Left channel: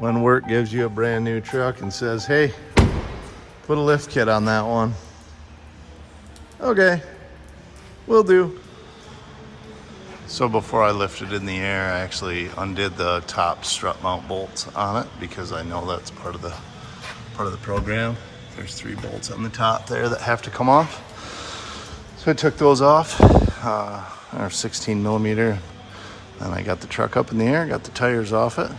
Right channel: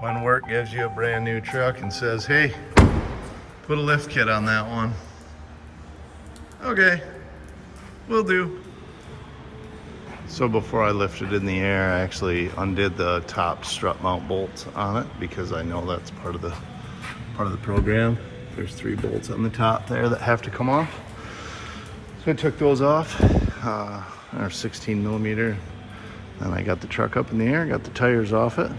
When work gives you a brand new truck and says, hey, put a lift kit on that one. Okay, will do. So before I lifted in the air, I actually undid the top strut mount bolts on it because I know that's part of the program. There's 3 bolts on the top there that have to come off. So I took those off, they're 16 millimeter. Then I got the truck up in the air, got the tires off it,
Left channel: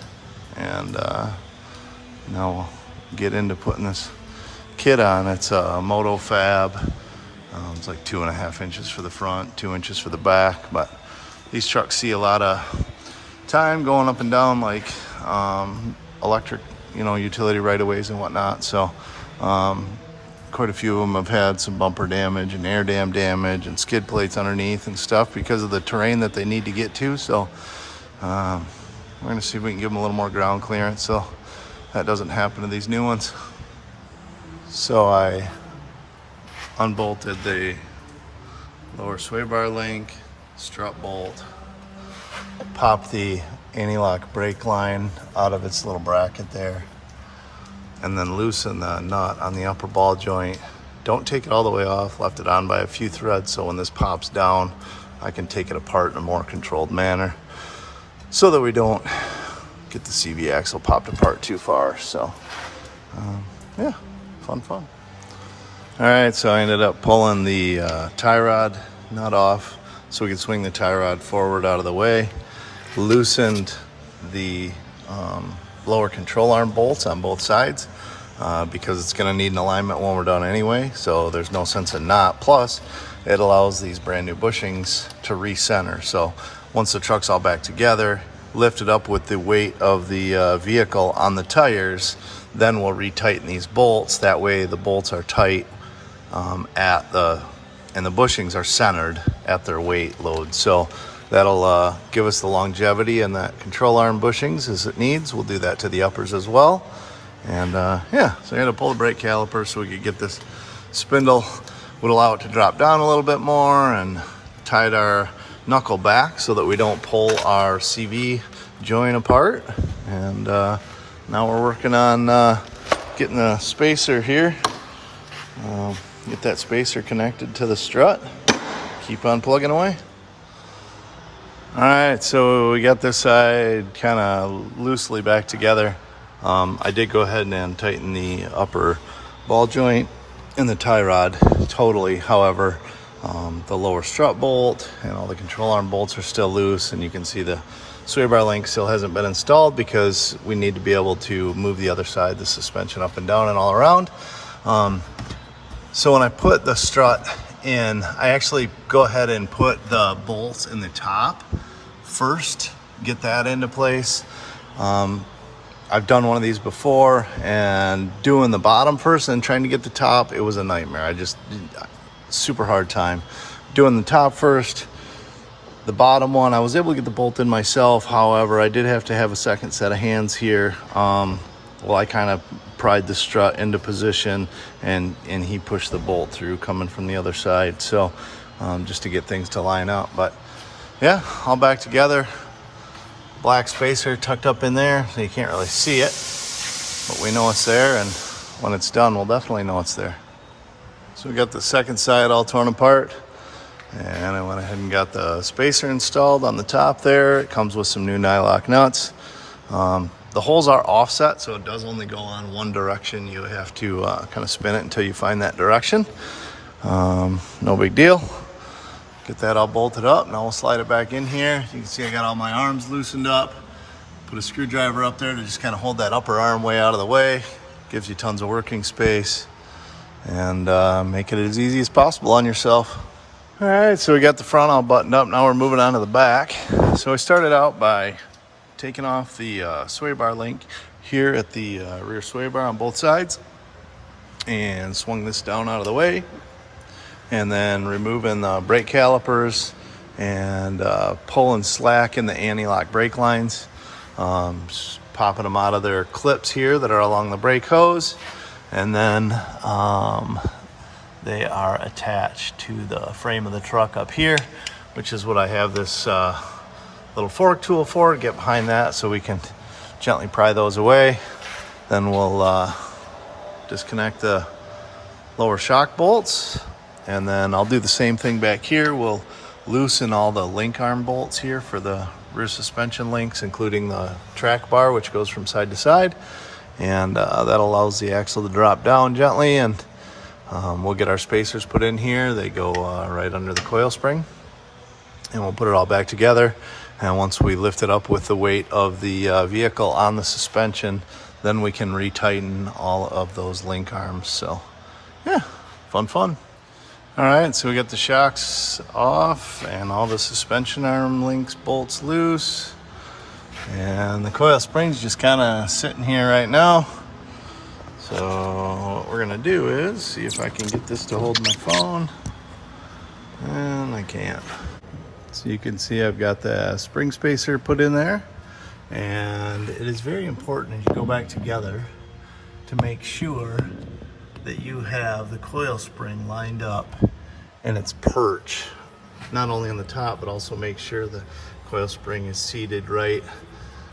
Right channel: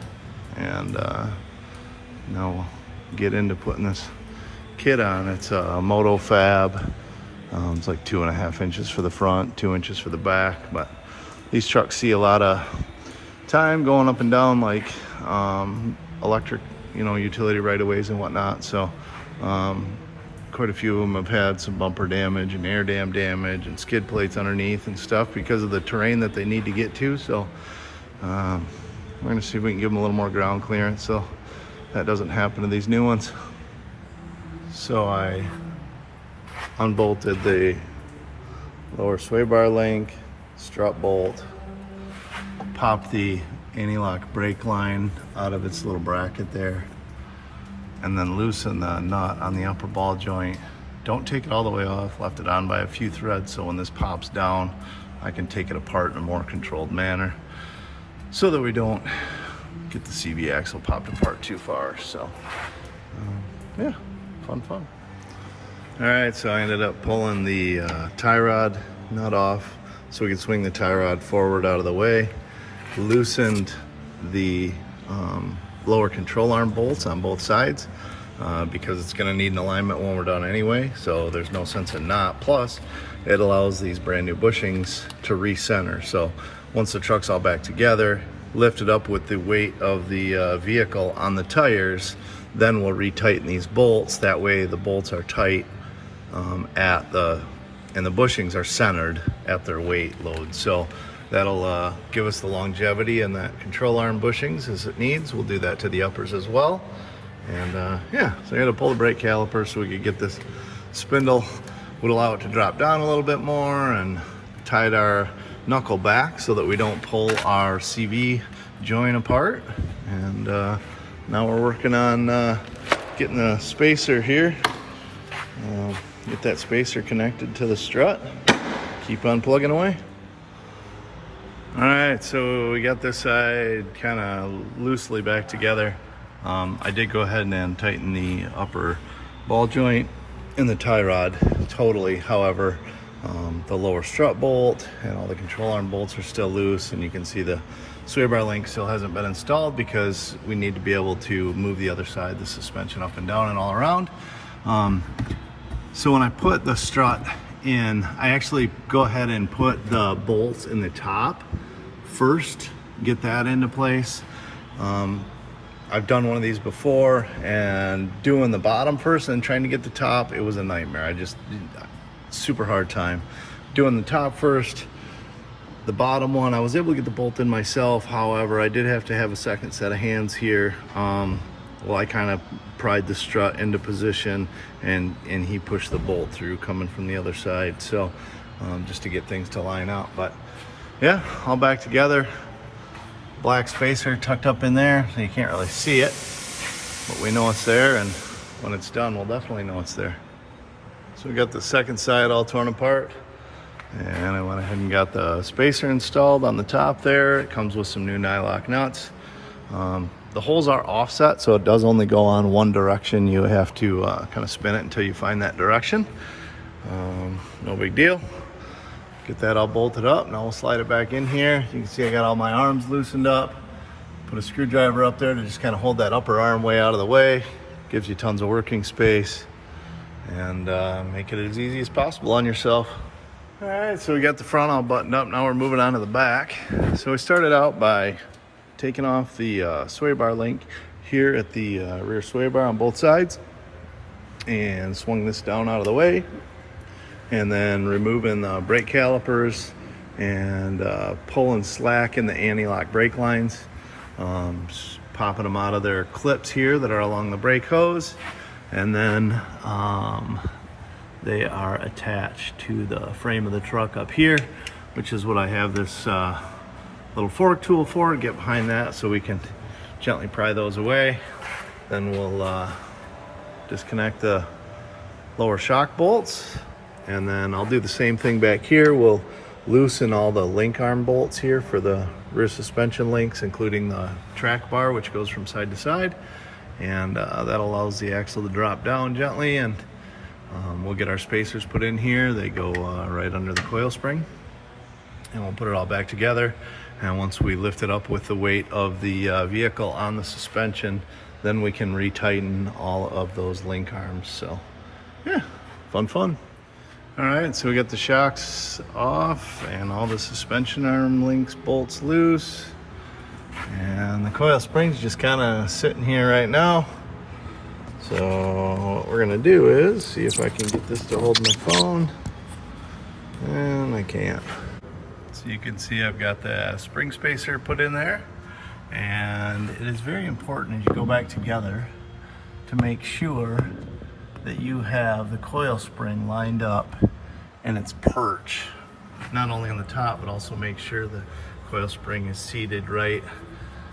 and now we'll get into putting this kit on. It's a Motofab. It's like 2.5 inches for the front, 2 inches for the back, but these trucks see a lot of time going up and down like electric, utility right-of-ways and whatnot. So quite a few of them have had some bumper damage and air dam damage and skid plates underneath and stuff because of the terrain that they need to get to. So we're gonna see if we can give them a little more ground clearance so that doesn't happen to these new ones. So I unbolted the lower sway bar link, strut bolt, popped the anti-lock brake line out of its little bracket there, and then loosen the nut on the upper ball joint. Don't take it all the way off, left it on by a few threads so when this pops down, I can take it apart in a more controlled manner so that we don't get the CV axle popped apart too far. So yeah, fun. All right, so I ended up pulling the tie rod nut off so we could swing the tie rod forward out of the way. Loosened the lower control arm bolts on both sides because it's going to need an alignment when we're done anyway, so there's no sense in not. Plus, it allows these brand new bushings to recenter. So once the truck's all back together, lifted up with the weight of the vehicle on the tires, then we'll retighten these bolts. That way the bolts are tight and the bushings are centered at their weight load. So that'll give us the longevity and that control arm bushings as it needs. We'll do that to the uppers as well. And yeah, so I had to pull the brake caliper so we could get this spindle, would allow it to drop down a little bit more, and tied our knuckle back so that we don't pull our CV joint apart. And now we're working on getting the spacer here. Get that spacer connected to the strut. Keep on plugging away. All right, so we got this side kind of loosely back together. I did go ahead and tighten the upper ball joint and the tie rod totally. However, the lower strut bolt and all the control arm bolts are still loose, and you can see the sway bar link still hasn't been installed because we need to be able to move the other side, the suspension up and down and all around. So when I put the strut in, I actually go ahead and put the bolts in the top first, get that into place. I've done one of these before, and doing the bottom first and trying to get the top, it was a nightmare. Super hard time. Doing the top first, the bottom one, I was able to get the bolt in myself. However, I did have to have a second set of hands here. Well, I kind of pried the strut into position, and he pushed the bolt through coming from the other side. So just to get things to line up. But yeah, all back together. Black spacer tucked up in there, so you can't really see it, but we know it's there, and when it's done, we'll definitely know it's there. So we got the second side all torn apart, and I went ahead and got the spacer installed on the top there. It comes with some new nylock nuts. The holes are offset, so it does only go on one direction. You have to kind of spin it until you find that direction. No big deal. Get that all bolted up. Now we'll slide it back in here. You can see I got all my arms loosened up. Put a screwdriver up there to just kind of hold that upper arm way out of the way. Gives you tons of working space, and make it as easy as possible on yourself. All right, so we got the front all buttoned up. Now we're moving on to the back. So we started out by taking off the sway bar link here at the rear sway bar on both sides, and swung this down out of the way, and then removing the brake calipers and pulling slack in the anti-lock brake lines, just popping them out of their clips here that are along the brake hose, and then they are attached to the frame of the truck up here, which is what I have this little fork tool for. Get behind that so we can gently pry those away. Then we'll disconnect the lower shock bolts, and then I'll do the same thing back here. We'll loosen all the link arm bolts here for the rear suspension links, including the track bar, which goes from side to side, and that allows the axle to drop down gently, and we'll get our spacers put in here. They go right under the coil spring, and we'll put it all back together. And once we lift it up with the weight of the vehicle on the suspension, then we can retighten all of those link arms. So yeah, fun. All right, so we got the shocks off and all the suspension arm links, bolts loose, and the coil spring's just kind of sitting here right now. So what we're gonna do is see if I can get this to hold my phone, and I can't. So you can see I've got the spring spacer put in there, and it is very important as you go back together to make sure that you have the coil spring lined up in its perch, not only on the top, but also make sure the coil spring is seated right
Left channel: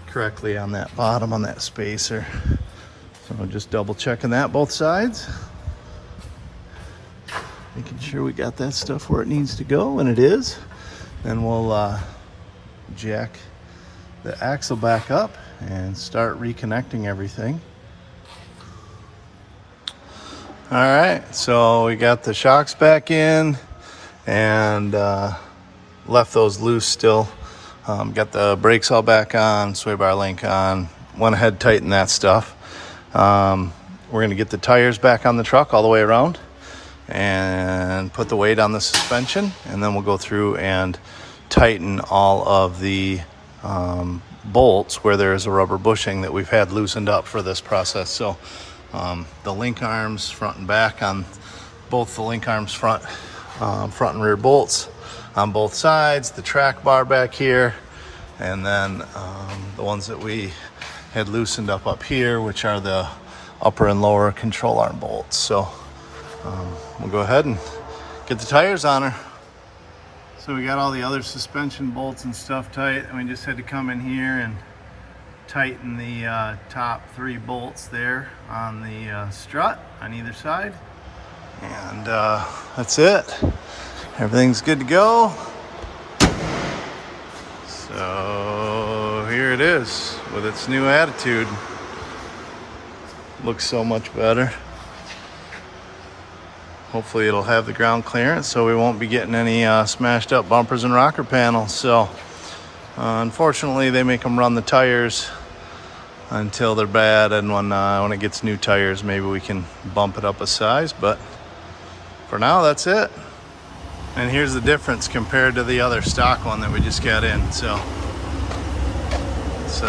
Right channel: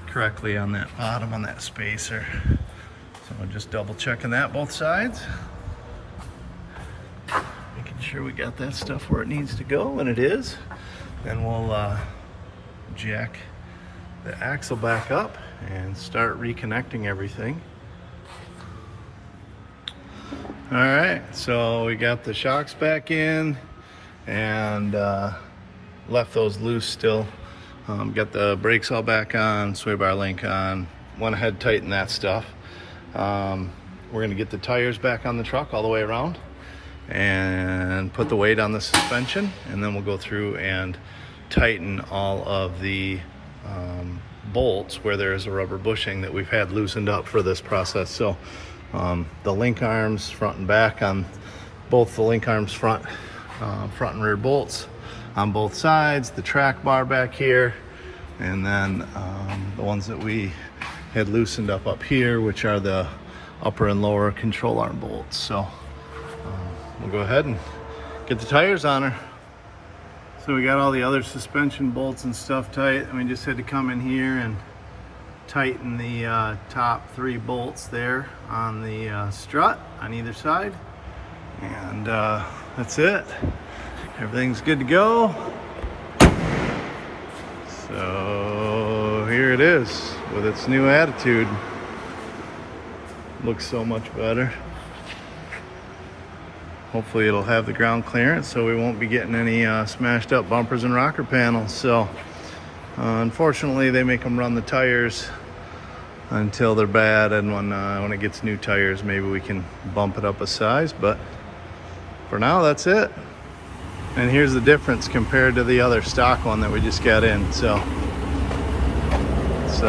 correctly on that bottom, on that spacer. So we're just double checking that both sides, making sure we got that stuff where it needs to go, and it is. Then we'll jack the axle back up and start reconnecting everything. All right, so we got the shocks back in and left those loose still. Got the brakes all back on, sway bar link on, went ahead, tightened that stuff. We're gonna get the tires back on the truck all the way around and put the weight on the suspension, and then we'll go through and tighten all of the bolts where there's a rubber bushing that we've had loosened up for this process. So the link arms front and back on both the link arms front and rear bolts on both sides, the track bar back here, and then the ones that we had loosened up here, which are the upper and lower control arm bolts. So we'll go ahead and get the tires on her. So we got all the other suspension bolts and stuff tight, and we just had to come in here and tighten the top 3 bolts there on the strut on either side, and that's it. Everything's good to go. So here it is with its new attitude. Looks so much better. Hopefully it'll have the ground clearance so we won't be getting any smashed up bumpers and rocker panels. So unfortunately they make them run the tires until they're bad, and when it gets new tires, maybe we can bump it up a size, but for now that's it. And here's the difference compared to the other stock one that we just got in. So it's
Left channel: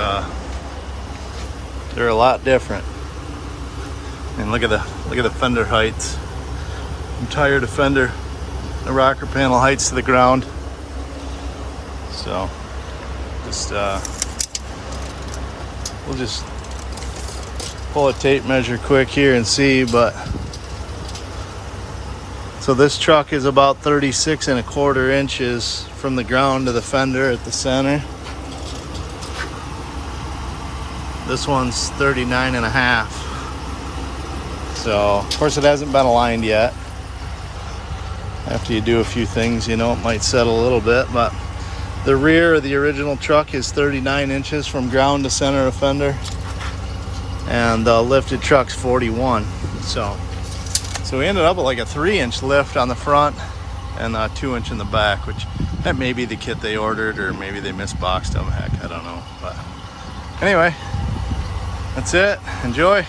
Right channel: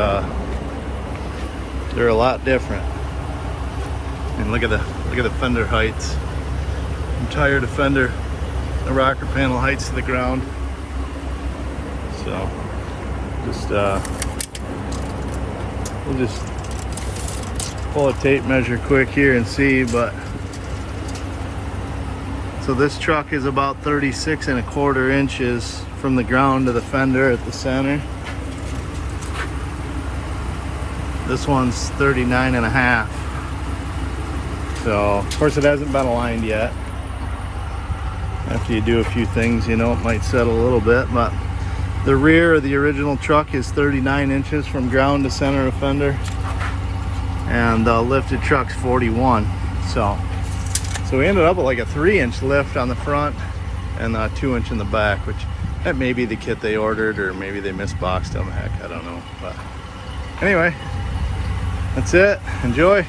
they're a lot different. And look at the fender heights. Entire fender, the rocker panel heights to the ground. So just we'll just pull a tape measure quick here and see, but so this truck is about 36 1/4 inches from the ground to the fender at the center. This one's 39 1/2. So of course it hasn't been aligned yet. After you do a few things, you know, it might settle a little bit, but the rear of the original truck is 39 inches from ground to center of fender, and the lifted truck's 41. So we ended up with like a 3-inch lift on the front and a 2-inch in the back, which that may be the kit they ordered, or maybe they misboxed them. Heck, I don't know. But anyway, that's it. Enjoy.